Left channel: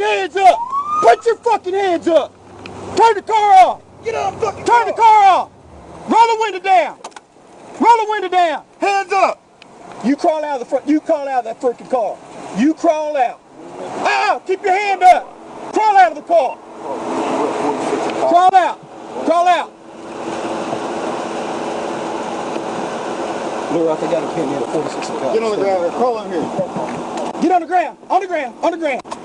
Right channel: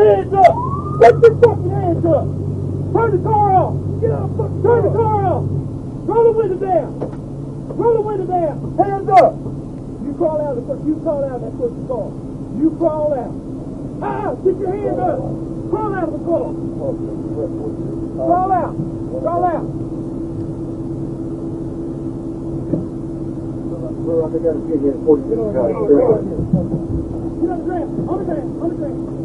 fucking hands up! Put your fucking hands up! Turn the car off! Get on the fucking Turn the car off! Roll the window down! Roll the window down! Hands up! You crawl out of the front. You crawl out of that fucking car. You crawl out. Keep your hand up. Crawl out of the car. Crawl out. Crawl out. Get on the ground. Crawl on here. Get on the ground. On the ground. On the ground.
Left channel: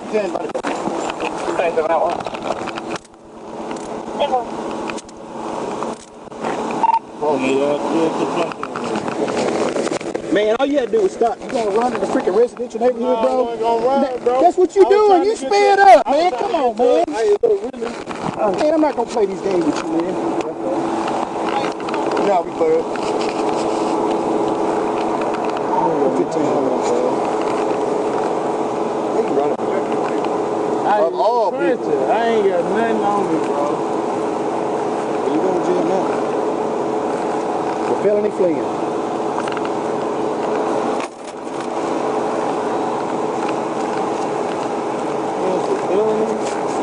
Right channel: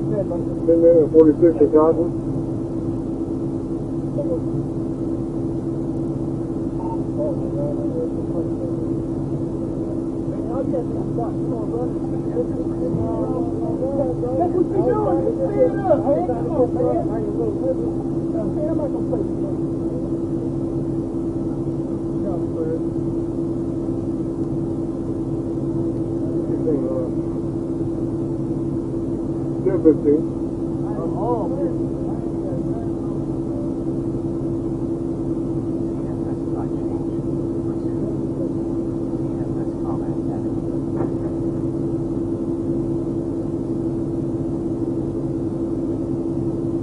Oh, yeah. Man, all you had to do was stop. You gonna run in the freaking residential neighborhood, bro? I'm gonna run, bro. That's what you doing. You sped up, man. Come on, man. Man, I'm not gonna play these games with you, man. Yeah, we play it. He's running pretty good, dude. I ain't got nothing on me, bro. You going to jail now? For felony fleeing.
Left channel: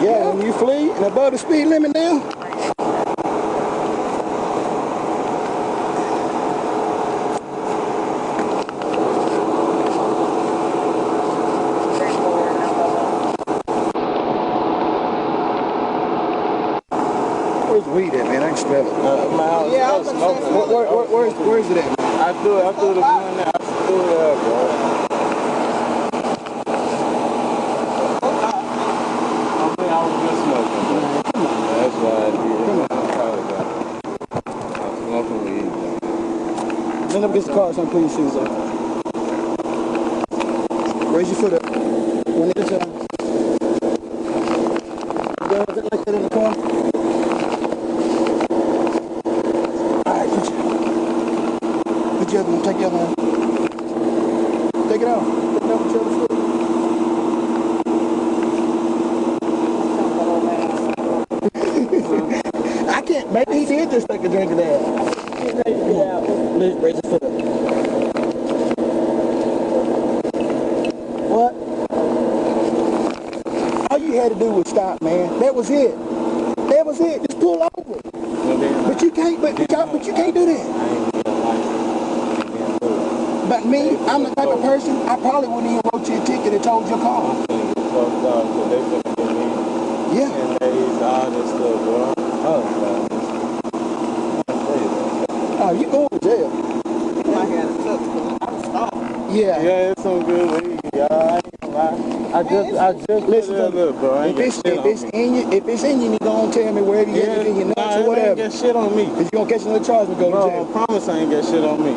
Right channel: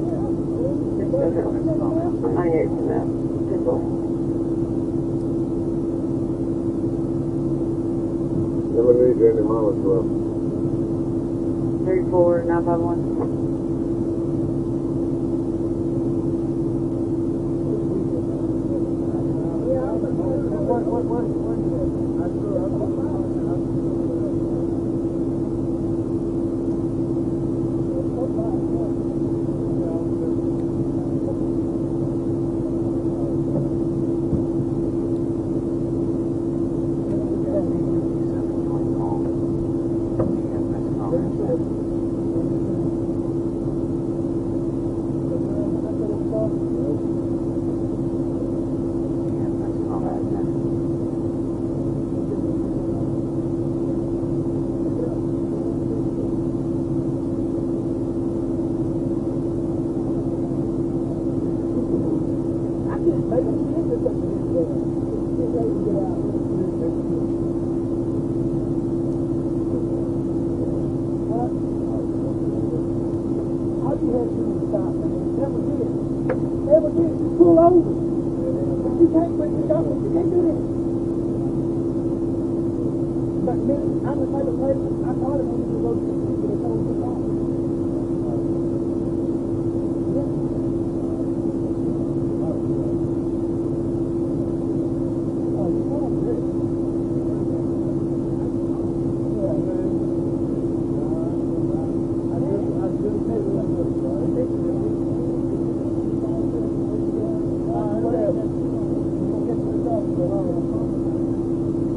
Yeah, when you flee and above the speed limit now. Where's weed at, man? I can smell it. Yeah, I was gonna say, where's it at? I threw the gun there. I threw it up, bro. Send up his car so I'm putting your shoes up. Raise your foot up. One at a time. You ever look like that in the car? Alright, put your other one. Take your other one. Take it off. Put it up with your other foot. I can't. Maybe he did just take a drink of that. Raise your foot up. What? All you had to do was stop, man. That was it. That was it. Just pull over. But you can't. But you can't do that. But me, I'm the type of person. I probably wouldn't even wrote you a ticket and told your car. Yeah. Oh, you going to jail. Yeah. Yeah, it's so good with you, y'all. I just listen to it, bro. If it's in you, you gonna tell me where it is in your nuts or whatever. Ain't get shit on me. If you gonna catch another charge, we go to jail. I promise I ain't get shit on me.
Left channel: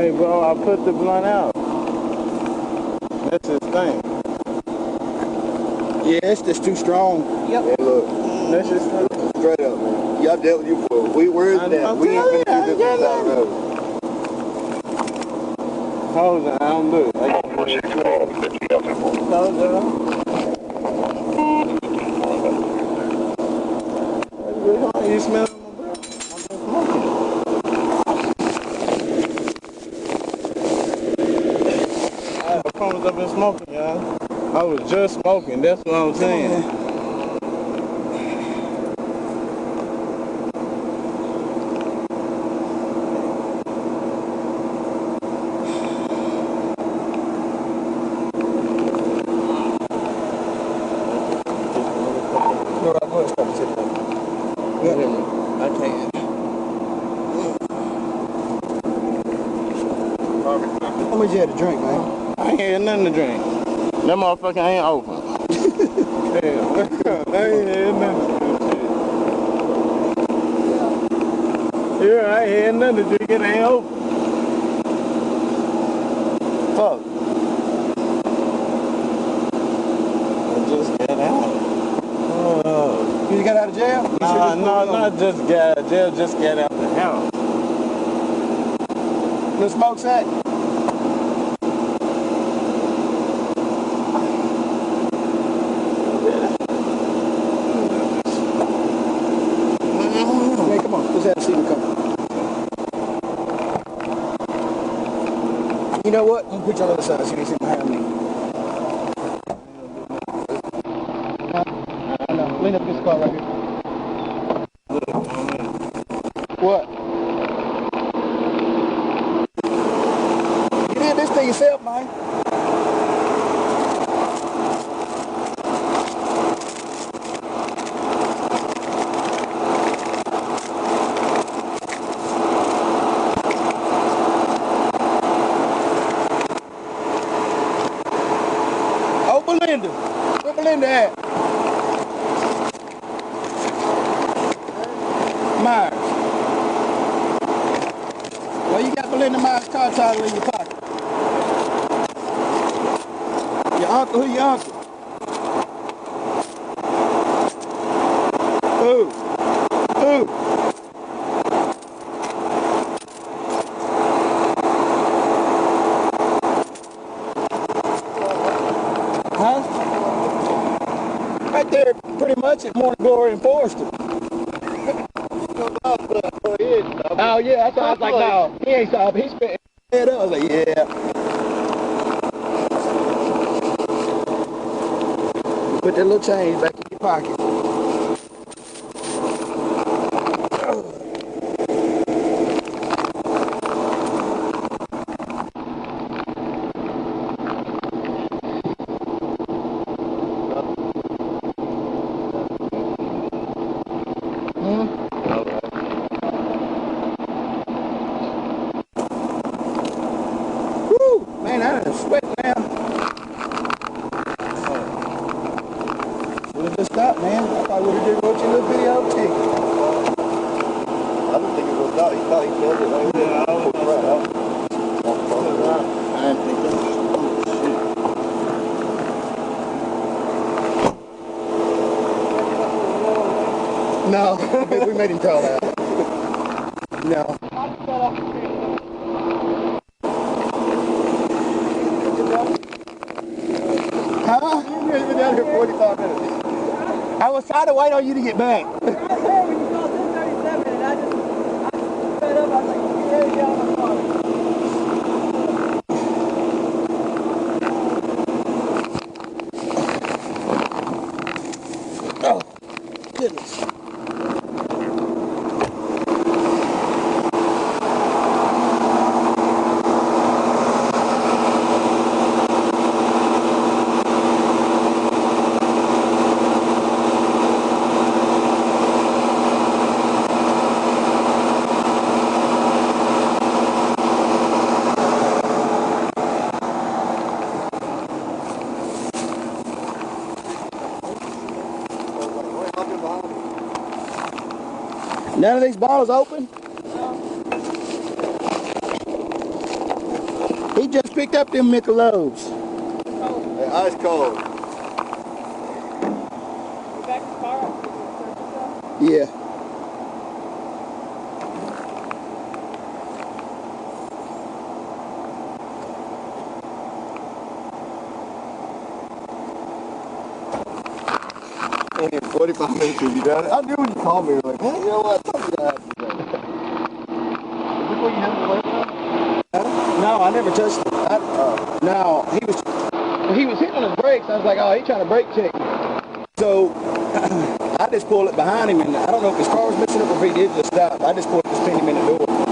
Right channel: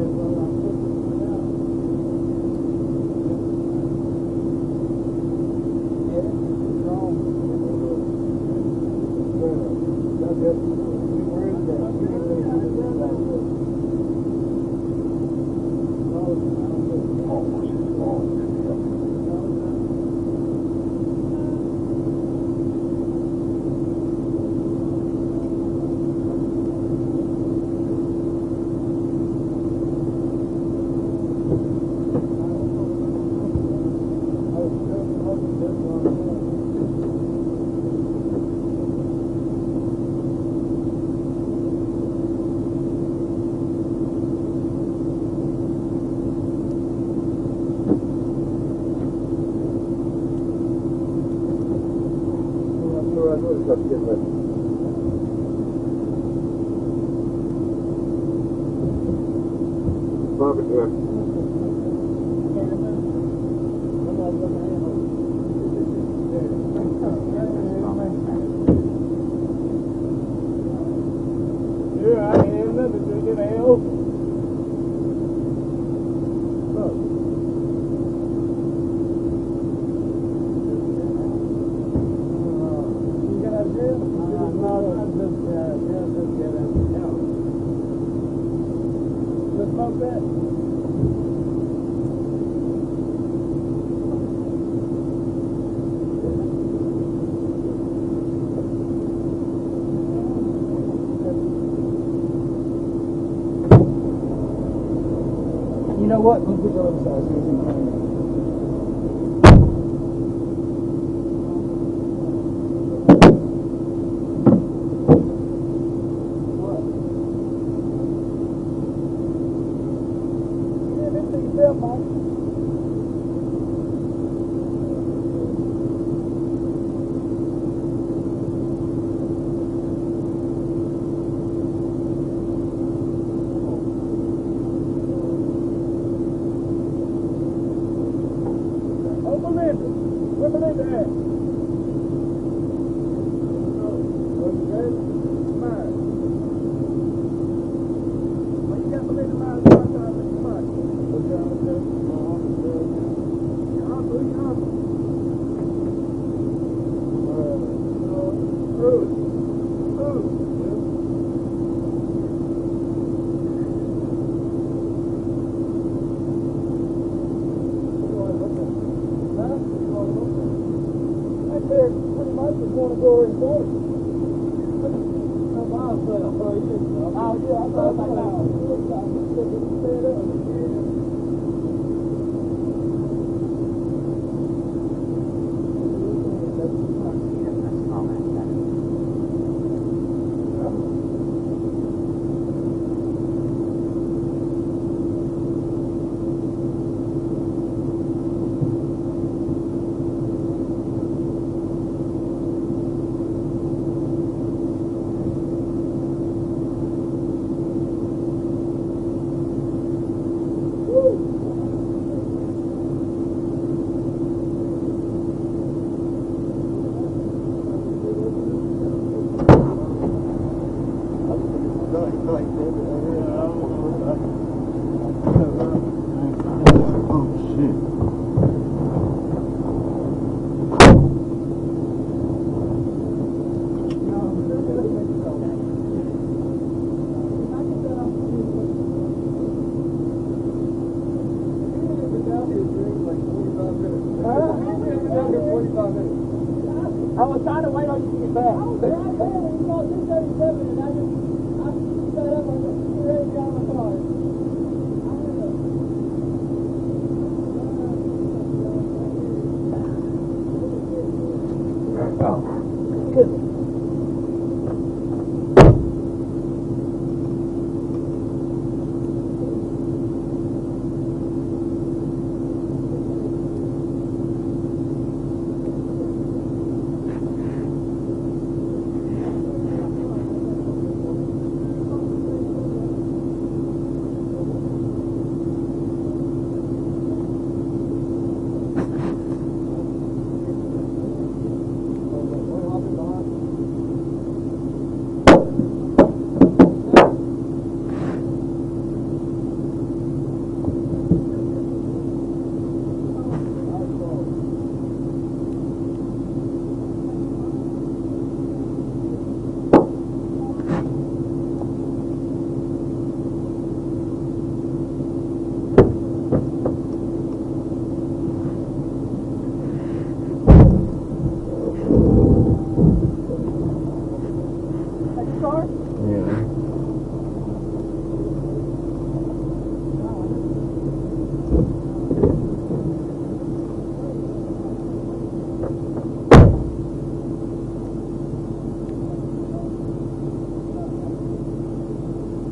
Hey, bro, I put the blunt out. That's his thing. Yeah, that's just too strong. Yep. Hey, look. That's just straight up. Y'all dealt with you before. We worried that. We ain't gonna do this without us. Hold on, I don't do it. 464, 50,000. Hold on. You smell? I promise I've been smoking, y'all. I was just smoking, that's what I'm saying. How much you had to drink, man? I ain't had nothing to drink. That motherfucker ain't open. Damn, I ain't had nothing to drink. Yeah, I ain't had nothing to drink. It ain't open. Fuck. I just got out. You got out of jail? No, not just got out of jail. Just got out the house. No smoke sack? Come on, let's have a seat and come. You know what? We'll put you on the other side so you can see behind me. Clean up this car right here. What? You did this to yourself, man. Oh, Belinda. Where Belinda at? Myers. Well, you got Belinda Myers' car title in your pocket. Your uncle, who your uncle? Who? Who? Huh? Right there, pretty much at Corner Glory and Forrester. Oh yeah, that's why I was like, no, he ain't stop. He's been. Yeah, I was like, yeah. Put that little change back in your pocket. Woo! Man, I'm sweating now. Just stop, man. I thought we would have wrote you a little video tape. I don't think it was out. He probably killed it right there. I don't know. No, we made it call out. No. Huh? We've been down here 45 minutes. I was trying to wait on you to get back. Oh, goodness. None of these bottles open? He just picked up them Michelobs. Hey, ice cold. Yeah. Only 45 minutes of you down there. I knew when you called me. Like, man, you know what? No, I never touched it. No, He was hitting on his brakes. I was like, oh, he trying to brake check. so I just pulled it behind him, and I don't know if his car was mixing up or if he did just stop. I just pulled it to spin him in the door.